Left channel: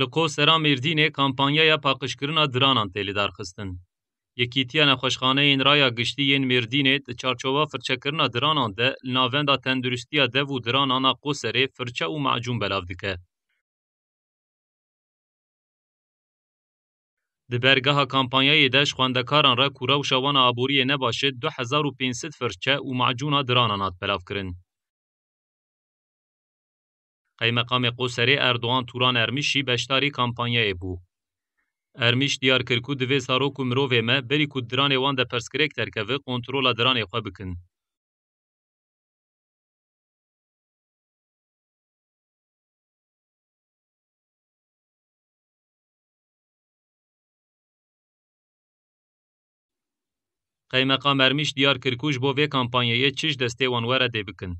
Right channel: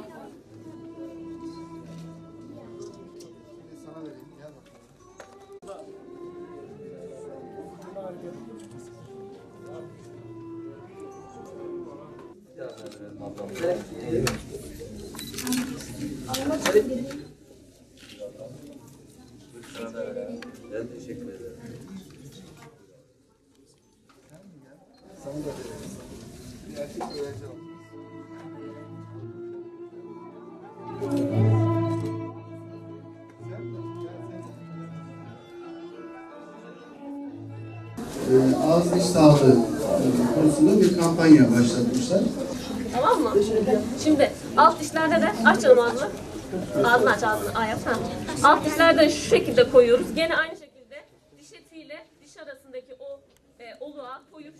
Li Qosera Mêrdînê kampanyaya paqijkirina diranan tê lidarxistin. Yekîtiya Nexweşxaneyên Raya Giştî yên Mêrdînê di çarçova firçekirina diranan de li navenda tendurustiya dev û diranan a Qoserê firçe û macûn belav dike. Di bergeha kampanyayê de ji xwendekaran re ku rewşa wan a aboriyê nebaşe 2500 firçe û macûna diranan hat belavkirin. Qeymeqamê Qoserê Erdoğan Turan Ermişî beşdarî kampanyayê bû. Ermiş diyar kir ku divê zarok û mirovê me berî ku diranê wan de perskirêk derkeve kontrola diranê xwe bikin. Ağız diş sağlığı konusunda bir kampanya başlatmışlar. Tamam mı? Şimdi alt dişlerde de aç canım ağzını. Ağzını aç ağzını. Aa, yapsana. Alt dişlerde şu şekilde koyuyoruz. Gene aynı şekilde. Qeymeqam Ermiş diyar kir ku ji bo vê kampanyayê çi ji destê wan were dê bikin.